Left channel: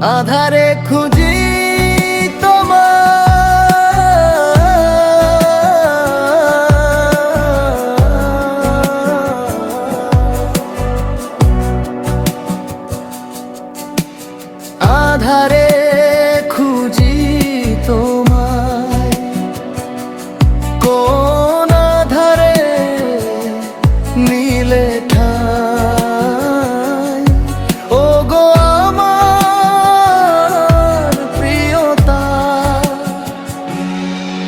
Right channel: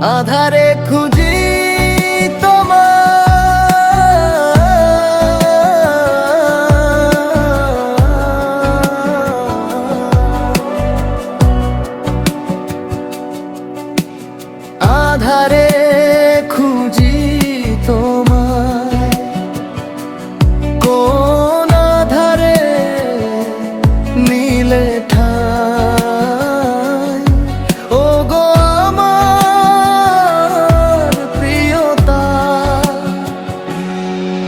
আধারে খুঁজি তোমায়, আধারে খুঁজি তোমায়, কোন আধারে নীলে ঠাই। ও গো আমার প্রিয়তা,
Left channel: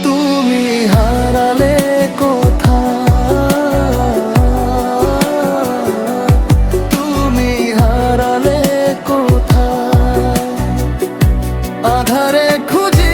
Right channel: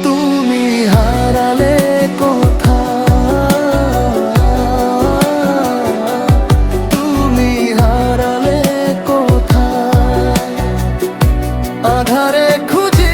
তুমি হারালে কোথায়, তুমি হারালে কোথায়। আধারে খুঁজি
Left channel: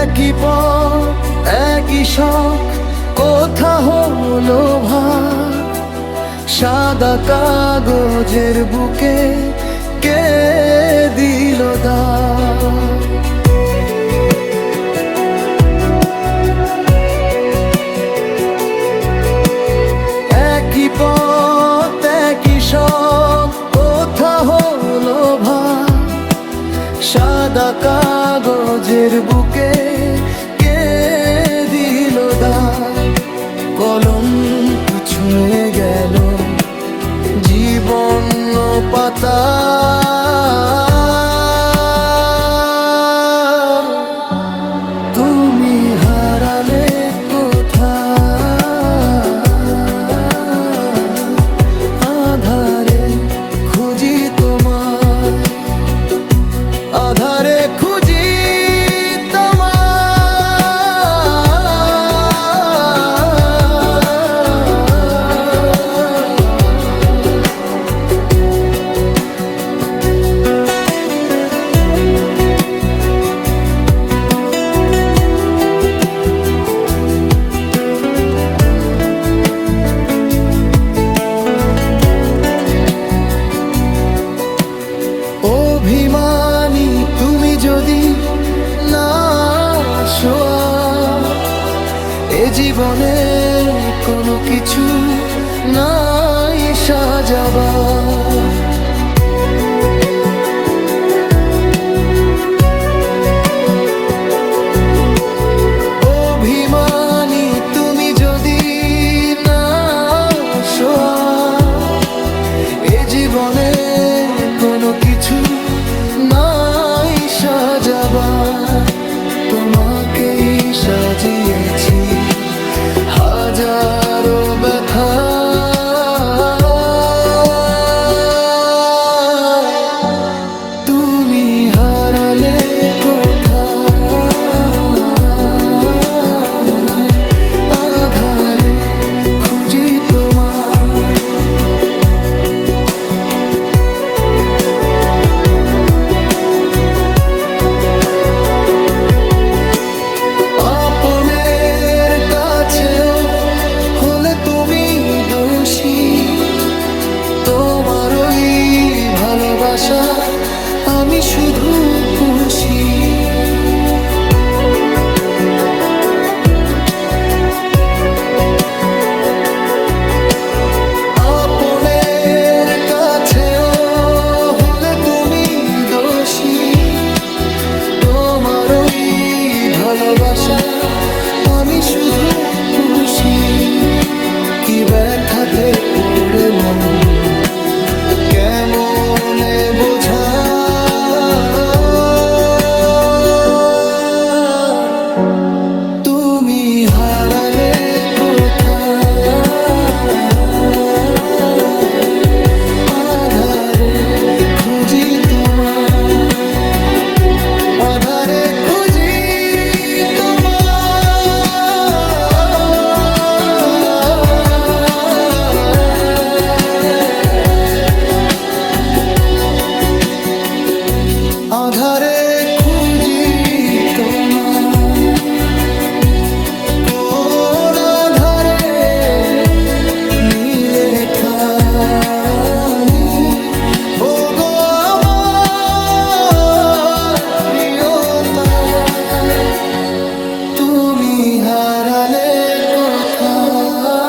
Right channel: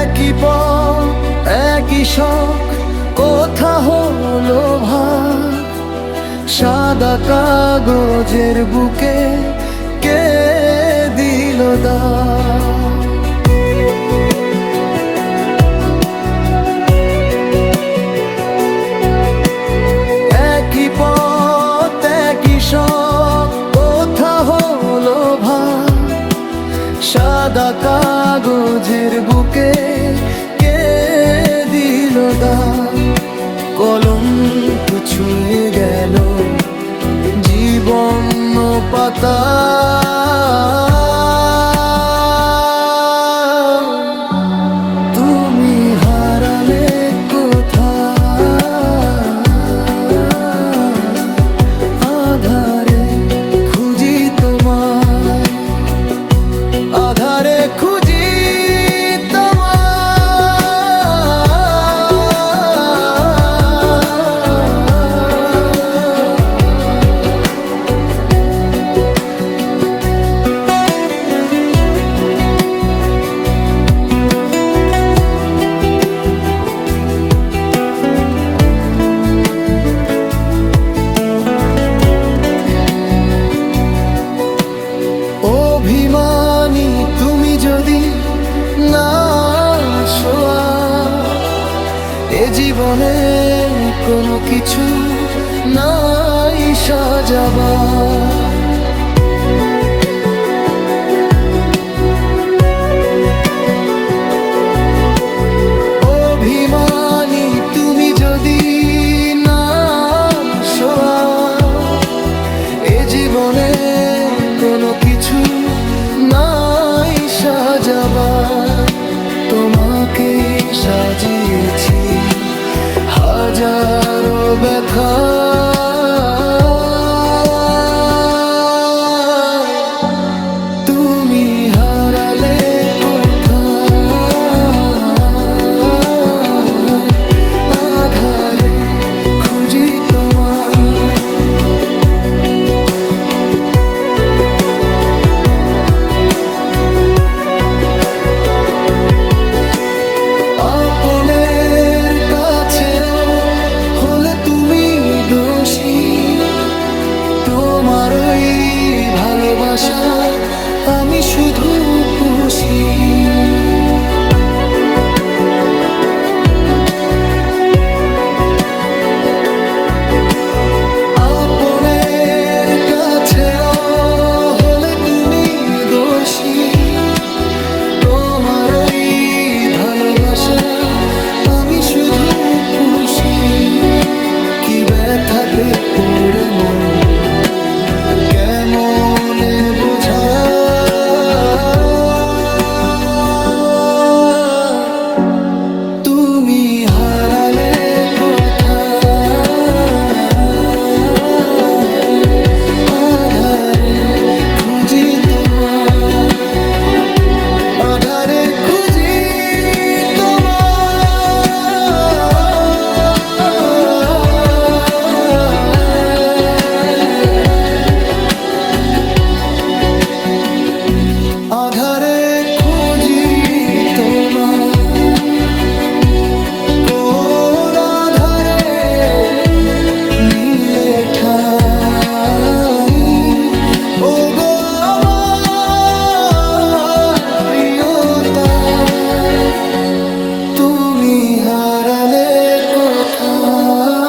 একই পথ একই শখ, কোথা হলো ভাগ। সাদা কাগজের বুকে কে দিল দাগ। একই পথ একই শখ, কোথা হলো ভাগ। সাদা কাগজের বুকে কে দিল দাগ। কলম ছুঁয়ে গেল জীবন পাতা, তুমি হারালে কোথায়। আধারে খুঁজি তোমায়, আধারে খুঁজি অভিমানী তুমি যদি না শোয়া। এ জীবনে কোনো কিছু নাই সাজাবার। অভিমানী তুমি যদি না শোয়া। এ জীবনে কোনো কিছু নাই সাজাবার। তোমাকেই সাজিয়েছি হাজারো ব্যথা। তুমি হারালে কোথায়। আধারে খুঁজি তোমায়, আপনের কাছেও হলে তুমি দোষী। তোমার ওই ভালোবাসা আমি শুধু পুষি। আপনের কাছেও হলে তুমি দোষী। তোমার ওই ভালোবাসা আমি শুধু পুষি। কি ব্যথাতে পড়ে মন কেমনে বোঝা। তুমি হারালে কোথায়। আধারে খুঁজি তোমায়, আধারে খুঁজি আধারে খুঁজি তোমায়। তুমি হারালে কোথায়?